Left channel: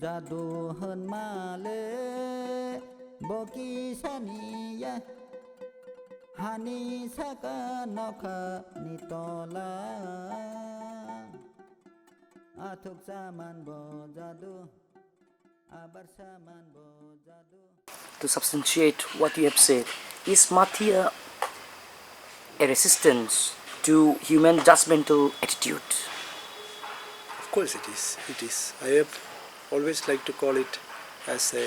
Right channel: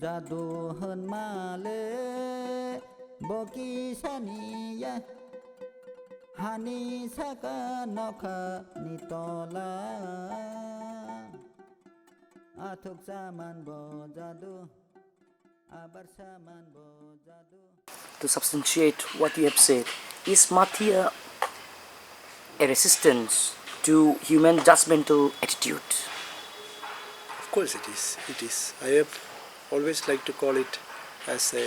जादु होनमाले बकी सानिया हानि साका नखा नितला आथुक सामान बो जादु आबार सामान बो जादु. To substantiate what you have said, is Mathia a resistance to human judgmental attitude? Of course it is. It is. I have always liked to call it as a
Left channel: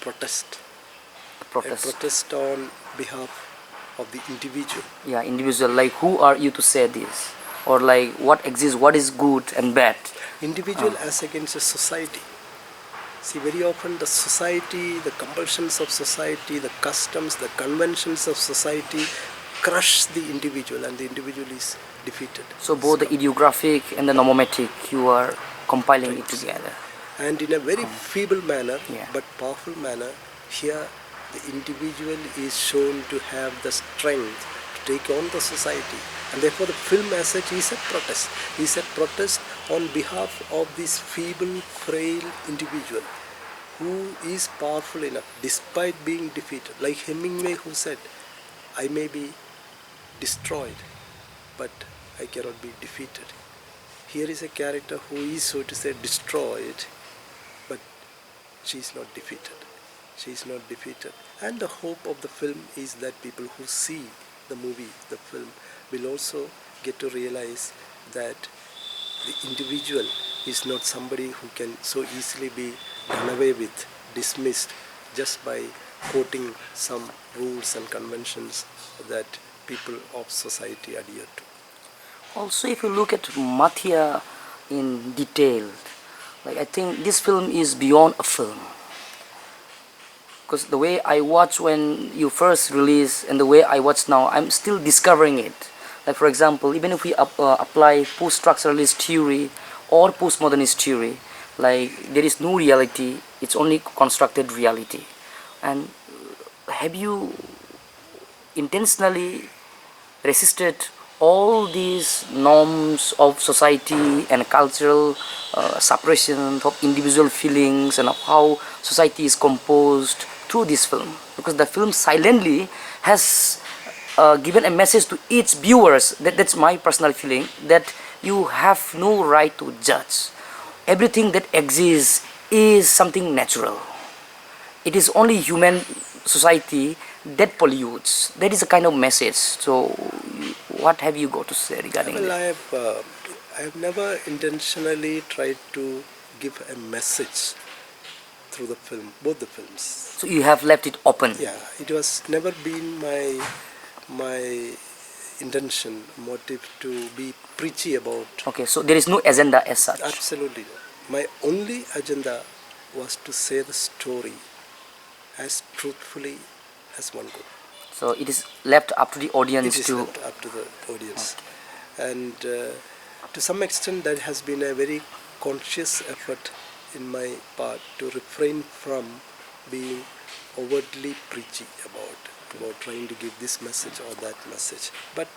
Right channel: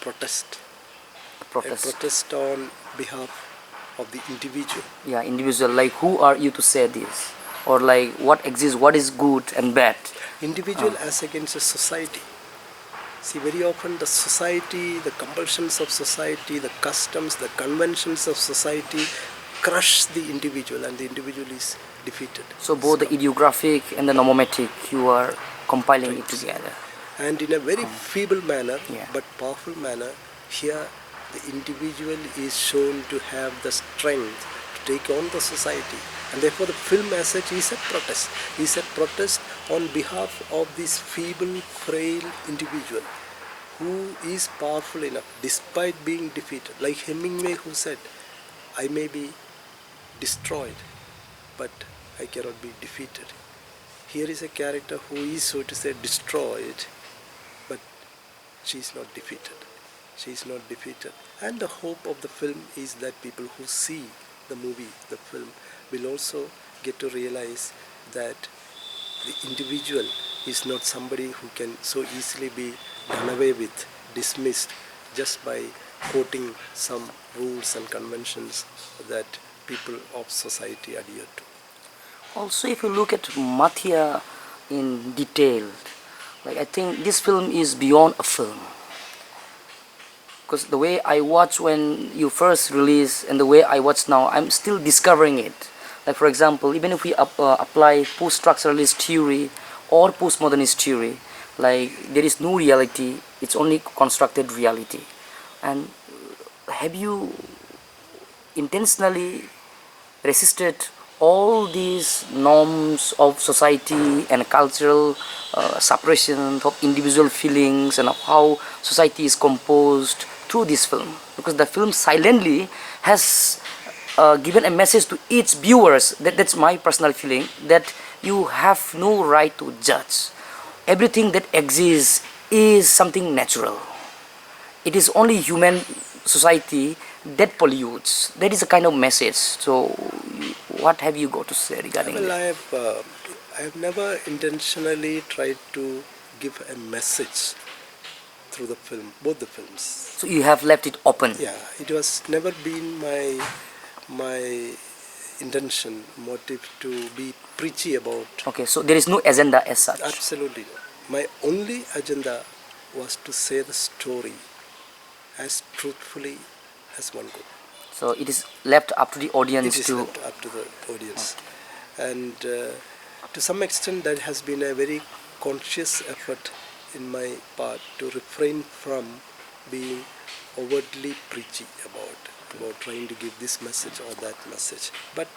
protest. A protest. A protest on behalf of the individual. Yeah, individual. Like, who are you to say this? Or like, what exists, what is good and bad? Individual as against a society. See, very often the society, the compulsions of society, the customs, the conventions of society crush the individual, and the individual is defeated. So both the idiographic and the nomometric, you are compiling it together. And in a very feeble manner, Yeah. but powerful manner, here the individual is shown to have the strength to take on the society. And therefore the film as such is a protest. Is a protest on behalf of this feeble, frail individual who is powerful enough despite being defeated. Like Hemingway, who said, I may be destroyed, but I cannot be defeated. Here is a character who is, so to say, destroyed, but she is not defeated. She is not defeated. And the hope of the film is that people who see the movie, the film, will also get to realize that the individual is not somebody who can so easily be done away with, dismissed, just by quoting some rules and conventions that people of society adhere to. Also, if you look at Mathia in detail, like, I think this film is beyond a film. Because the way I watched when you first released and the way I watch now, I'm still discovering it. Like, for example, even if we apply post-structuralist theory or postmodernist theory, like, there is no reality, it's only constructed reality. And have you intentionally resisted all these norms of society and cultural suppression of individual feelings and of how society is composed through this film? Because the film silently has given a message to each viewers, that's my personal feeling, that you have no right to judge. Everything that exists is something natural. It is only human society that pollutes. That is a kind of message. So what have you got to say regarding that? Well, I have never intentionally tried to give a message through the film, both the films. So you have left it open? Yeah, it was never been my intention, motive to be preachy about. Okay, so there is no agenda as such? Absolutely not. My only agenda was to say the story as truthfully as one could. So it is left up to the audience It is left up to the audience. Okay. And to some extent that has been a very conscious effort in my part to refrain from being overtly preachy about trying to give this message or that message. But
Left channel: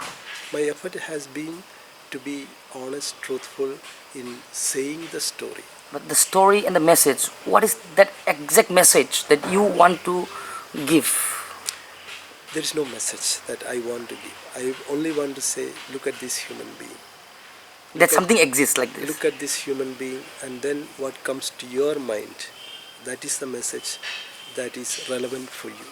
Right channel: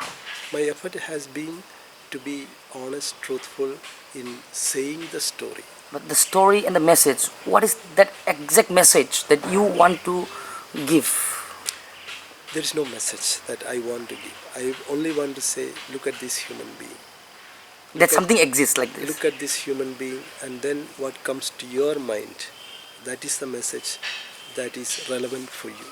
my effort has been to be honest, truthful in saying the story. But the story and the message, what is that exact message that you want to give? There is no message that I want to give. I only want to say, look at this human being. That something exists like this. Look at this human being, and then what comes to your mind, that is the message that is relevant for you.